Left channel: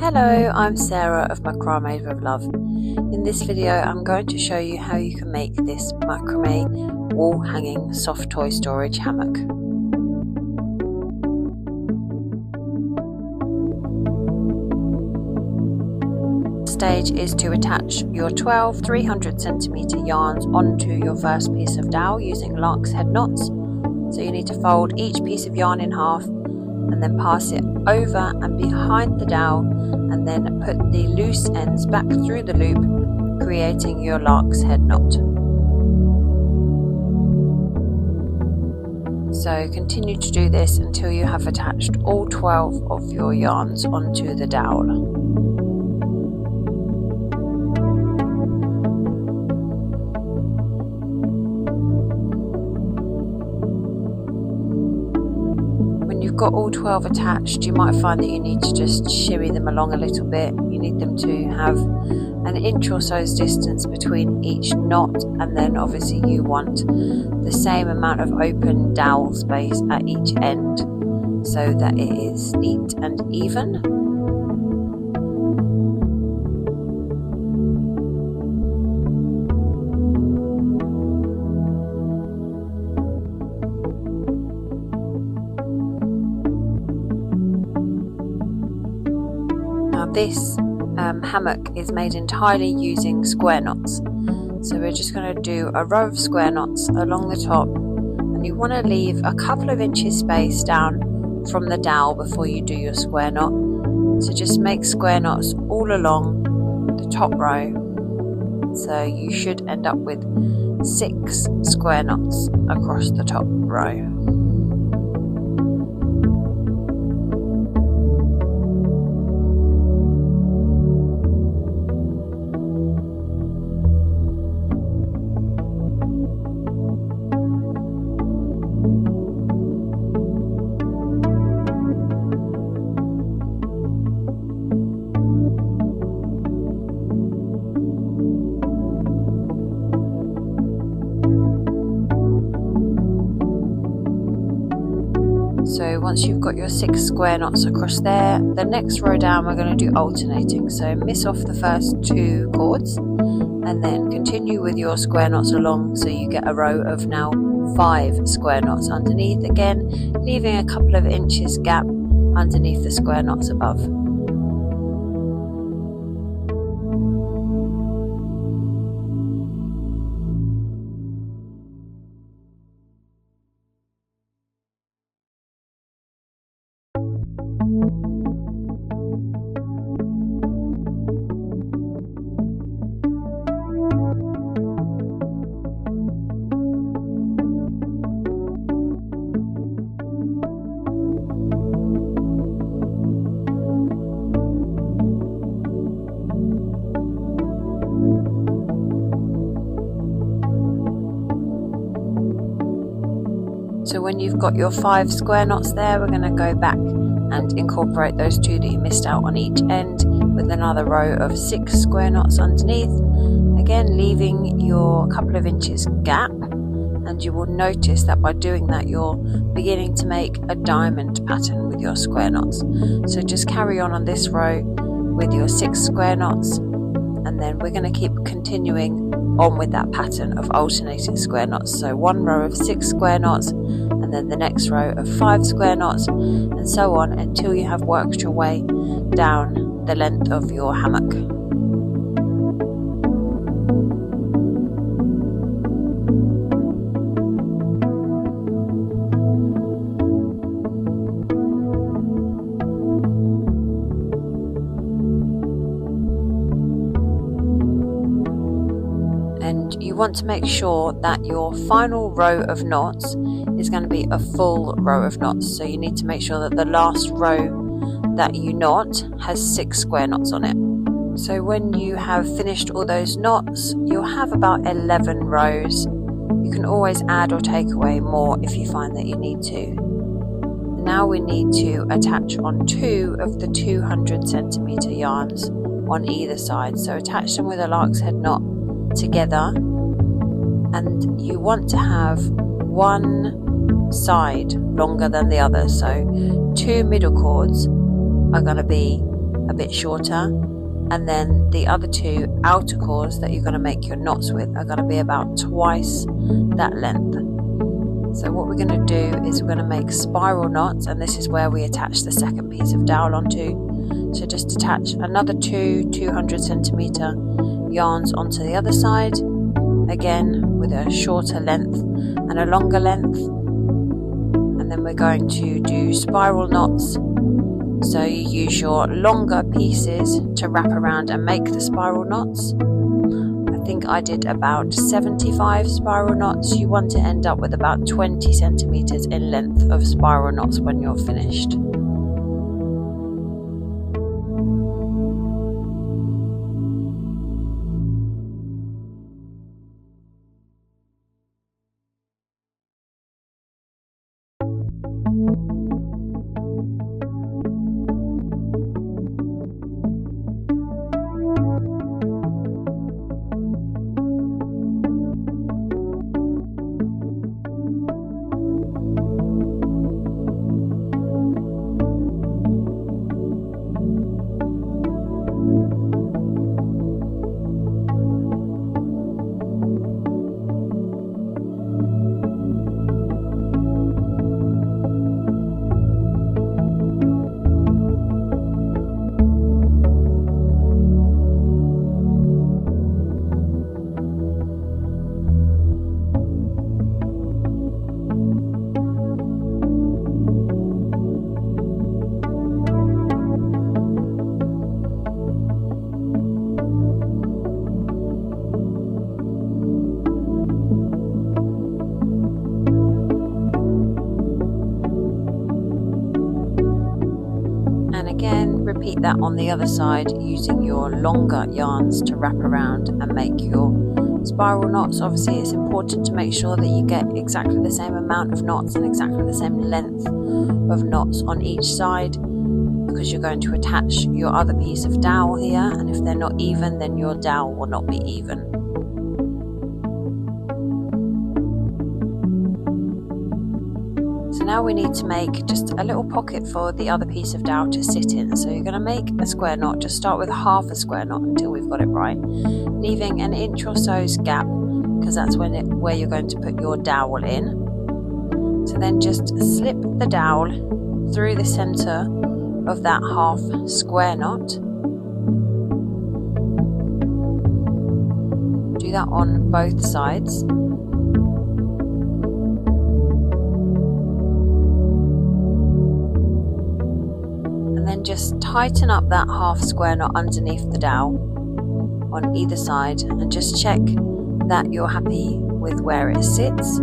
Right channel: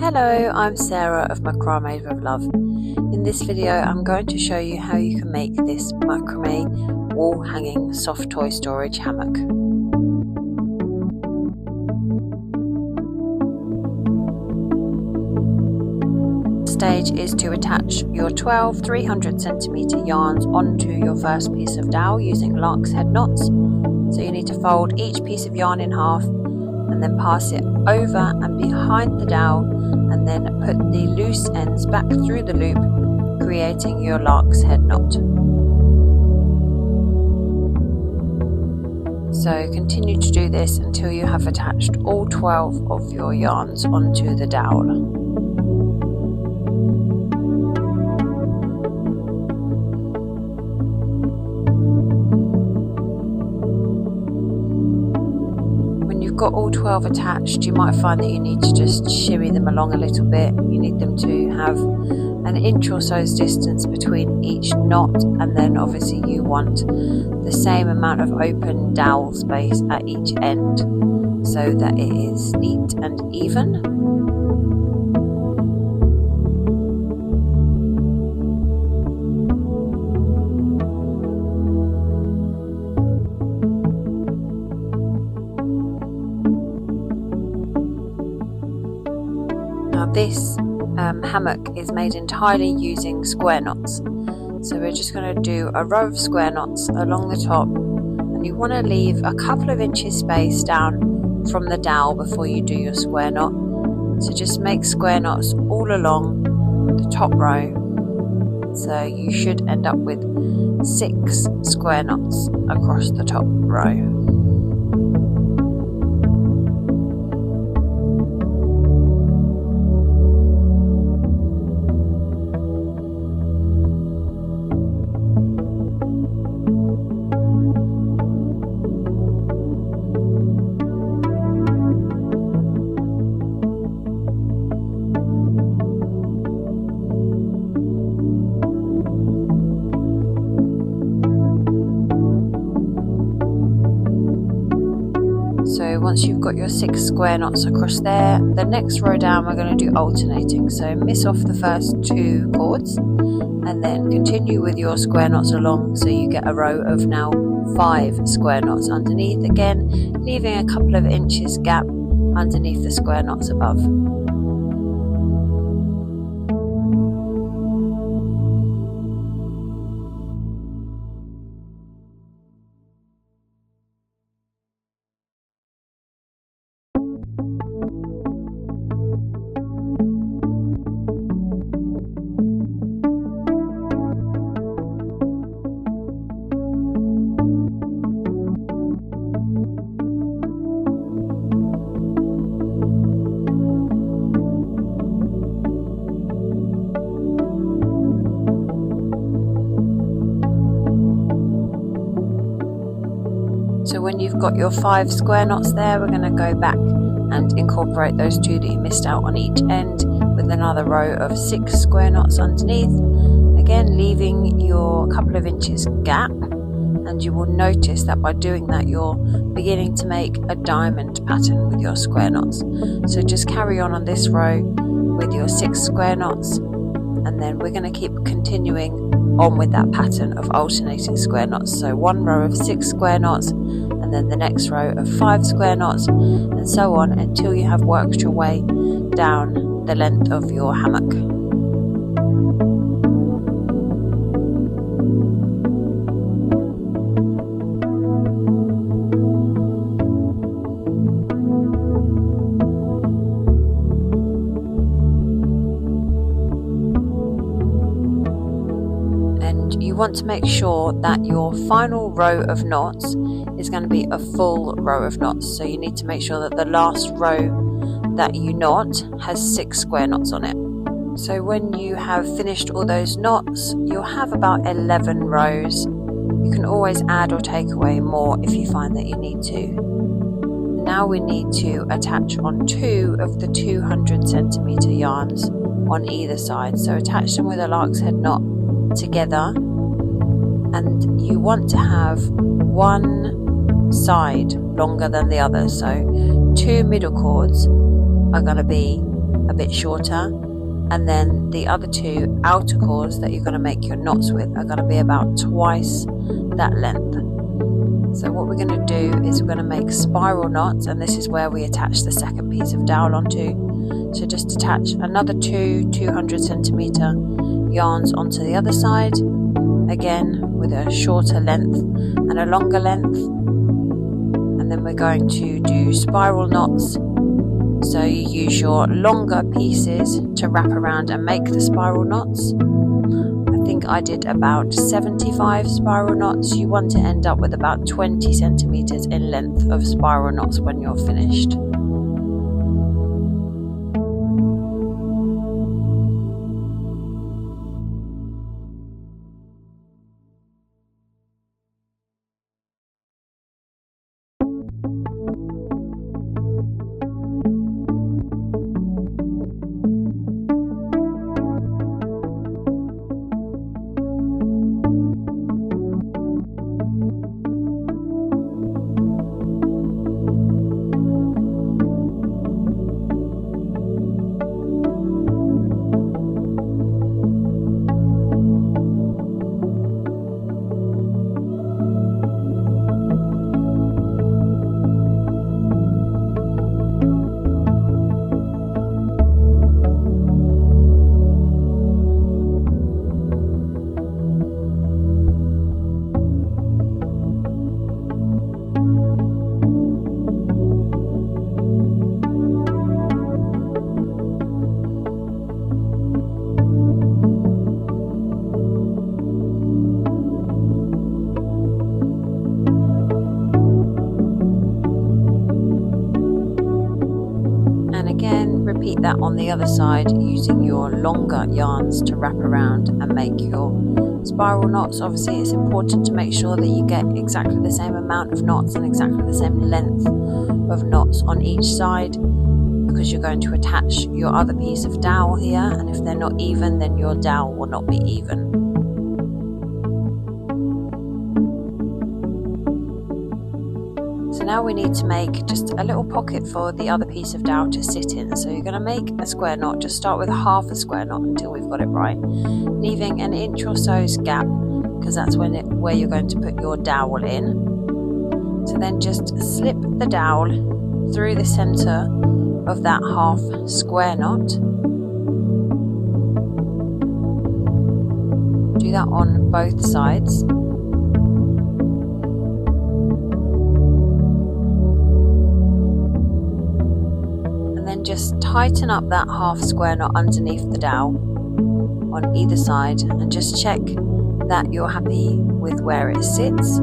Hello, I'm Sarah of Macra-Made with Love. In this video I'm going to show you how you can make this macrame wall hanging soft toy storage hammock. Stage is to attach your 12 300cm yarns onto your first piece of dowel using lark's head knots. So you need to fold each piece of yarn in half and then pass it over and behind the dowel, and then put the loose ends back through the loop, creating your lark's head knot. So continue to do this until you have attached all 12 of your yarns onto the dowel. Got all 12 attached, you might find that you need to just shimmy them along a little bit. You need them to have an inch or so's distance between each knot, and then obviously you want the same amount of open dowel space at each end so that it is neat and even. Now this hammock is made entirely using square knots, so we're just going to do a row of square knots along the top, and you want to leave a couple of inches space down from the dowel before you do your square knot. So just make square knots all along the top row, so you should end up with 6 square knots across the top row. So once you've got your 6 square knots across there, the next row down we're going to do alternating. So miss off the first 2 cords and then continue with your square knots along, so you get a row of now 5 square knots underneath, again leaving a couple of inches gap underneath the square knots above. So when you've got your 5 square knots there, we're going to go back and incorporate those 2 that you missed out on each end with another row of 6 square knots underneath, again leaving your couple of inches gap, and you will notice that by doing that you're beginning to make a diamond pattern with your square knots. So just carry on this row with your 6 square knots, and then we're going to keep continuing on with that pattern of alternating square knots. So one row of 6 square knots, and then the next row of 5 square knots, and so on until you have worked your way down the length of your hammock. And you want to make sure that your final row of knots is going to be a full row of knots. So you need to make sure that the last row that you knot has 6 square knots on it. So when you have finished all those knots, you'll have about 11 rows. You can always add or take away more if you find that you need to. Now we need to attach on 2 of the 200cm yarns on either side. So attach them with a lark's head knot together, and you want to have one side longer than the other. So 2 middle cords are going to be a bit shorter, and then the other two outer cords that you're going to make your knots with are going to be about twice that length. So what we're going to do is we're going to make spiral knots, and this is where we attach the second piece of dowel onto. So just attach another two 200cm yarns onto the other side, again with a shorter length and a longer length, and then we're going to do spiral knots. So you use your longer pieces to wrap around and make the spiral knots. I think I did about 75 spiral knots. You want to end up with about 20 centimeters in length of spiral knots when you're finished. And again, repeat that on the other side using your longer yarns to wrap around and make your spiral knots. Obviously it's important to make sure that you get exactly the same amount of knots and exactly the same length of knots on each side, because you're going to attach your other piece of dowel here, and if they're not even, then your dowel will not be even. So now we need to make just a little pocket for the other piece of dowel to sit in. So you're going to make a square knot. Just start with half a square knot until we've got it right, leaving an inch or so's gap, because that's where you're going to put your dowel in. So then just slip the dowel through the center of that half square knot. Do that on both sides. Then just tighten up that half square knot underneath the dowel on either side, and just check that you're happy with where it sits.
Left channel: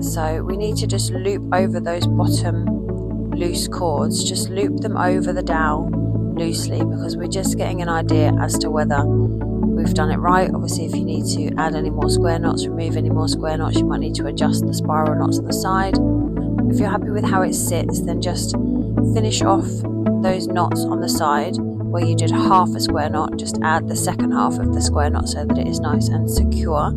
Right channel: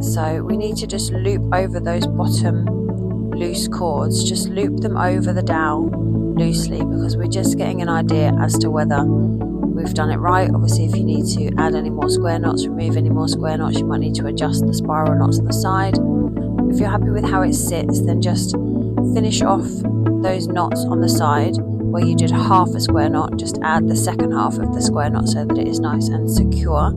So we need to just loop over those bottom loose cords, just loop them over the dowel loosely, because we're just getting an idea as to whether we've done it right. Obviously if you need to add any more square knots, remove any more square knots, you might need to adjust the spiral knots on the side. If you're happy with how it sits, then just finish off those knots on the side where you did half a square knot. Just add the second half of the square knot so that it is nice and secure.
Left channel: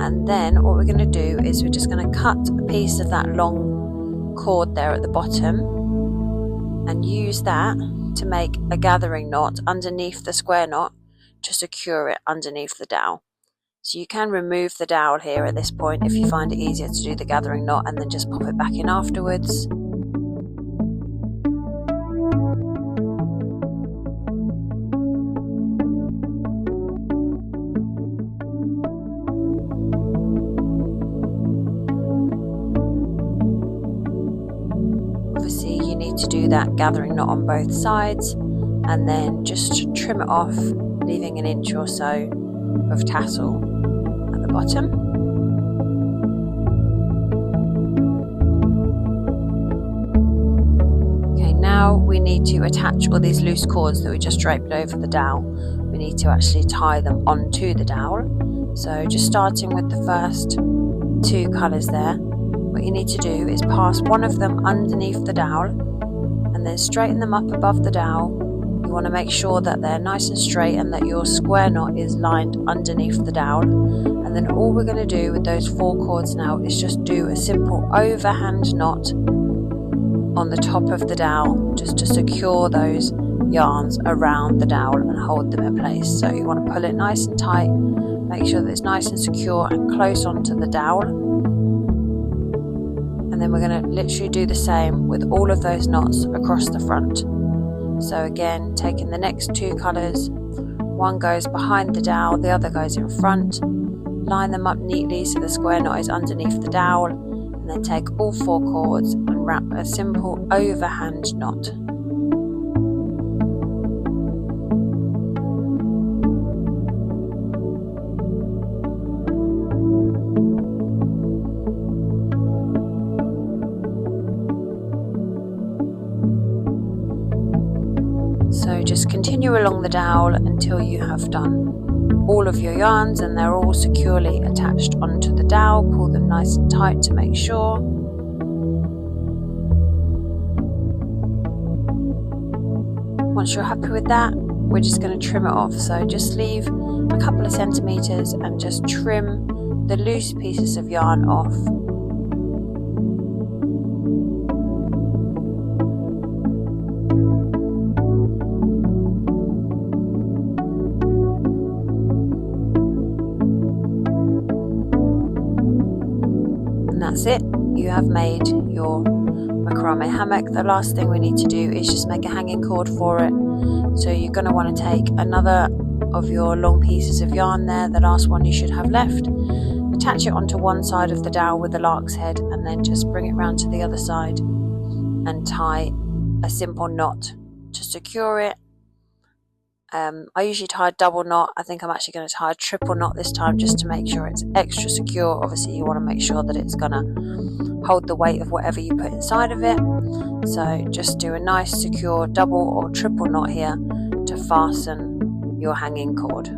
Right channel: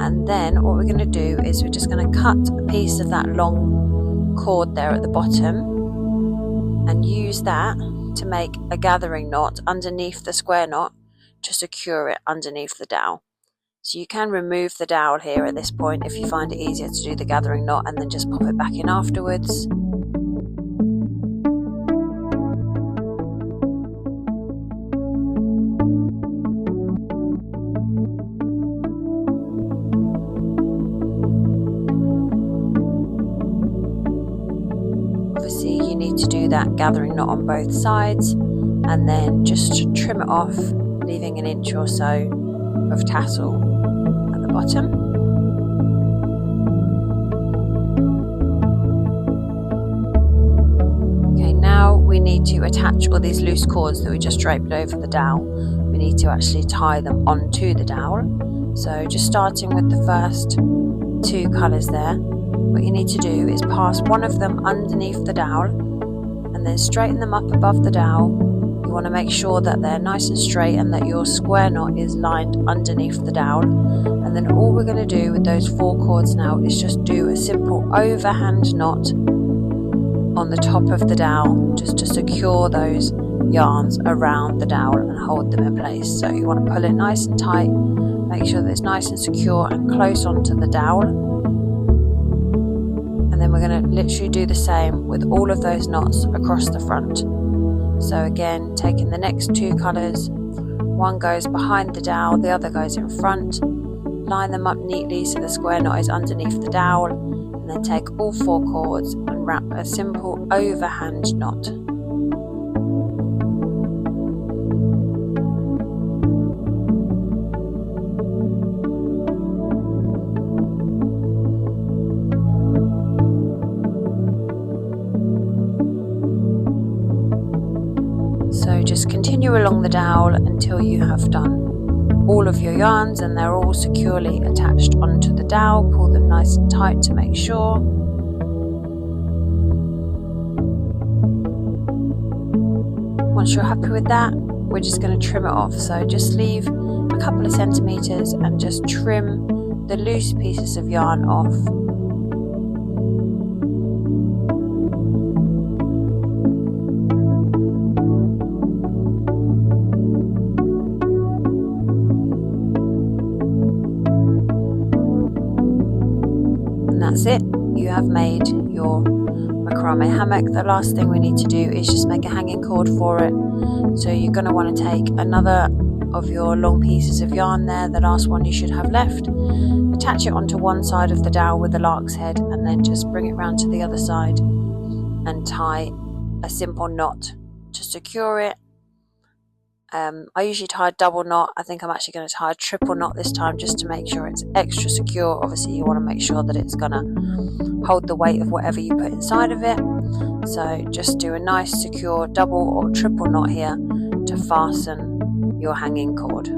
And then what we're going to do is we're just going to cut a piece of that long cord there at the bottom and use that to make a gathering knot underneath the square knot to secure it underneath the dowel. So you can remove the dowel here at this point if you find it easier to do the gathering knot, and then just pop it back in afterwards. Obviously you need to do that gathering knot on both sides, and then just trim it off, leaving an inch or so of tassel at the bottom. Okay, now we need to attach all these loose cords that we just draped over the dowel. We need to actually tie them onto the dowel. So just starting with the first two colours there, what you need to do is pass one of them underneath the dowel and then straighten them up above the dowel. You want to make sure that they're nice and straight and that your square knot is lined underneath the dowel. And then all we're going to do with those four cords now is just do a simple overhand knot on the top of the dowel, just to secure those yarns around the dowel and hold them in place. So you want to pull it nice and tight, make sure that it's nice and secure and close onto the dowel. And then we're going to literally do the same with all of those knots across the front. So again, taking the next two colours, one goes behind the dowel, the other goes in front. Line them up neatly so the square knot is underneath the dowel, and then take all 4 cords and wrap a simple overhand knot. So just continue along the dowel until you have done all of your yarns and they're all securely attached onto the dowel. Pull them nice and tight to make sure. Once you're happy with that, we're just going to trim it off. So just leave a couple of centimeters and just trim the loose pieces of yarn off. That's it, you have made your macrame hammock. The last thing we need to do is just make a hanging cord for it. So you're going to want to take another of your long pieces of yarn there, the last one you should have left, attach it onto one side of the dowel with the lark's head, and then just bring it round to the other side and tie a simple knot to secure it. I usually tie a double knot. I think I'm actually going to tie a triple knot this time just to make sure it's extra secure. Obviously you want to make sure that it's going to hold the weight of whatever you put inside of it. So just do a nice secure double or triple knot here to fasten your hanging cord.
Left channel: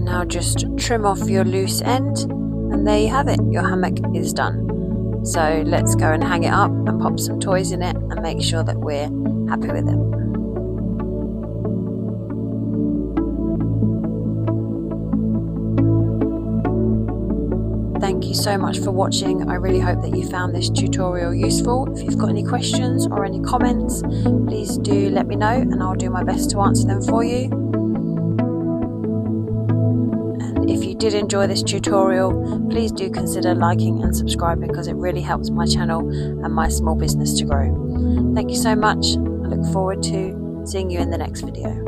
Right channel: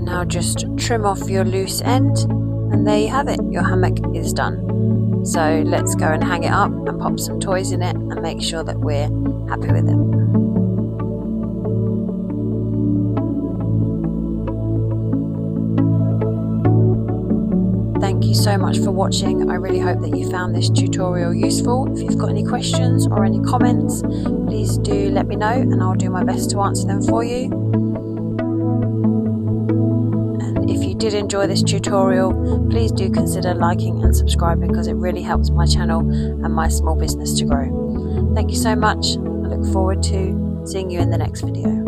Now just trim off your loose end, and there you have it, your hammock is done. So let's go and hang it up and pop some toys in it and make sure that we're happy with it. Thank you so much for watching. I really hope that you found this tutorial useful. If you've got any questions or any comments, please do let me know and I'll do my best to answer them for you. If you did enjoy this tutorial, please do consider liking and subscribing because it really helps my channel and my small business to grow. Thank you so much. I look forward to seeing you in the next video.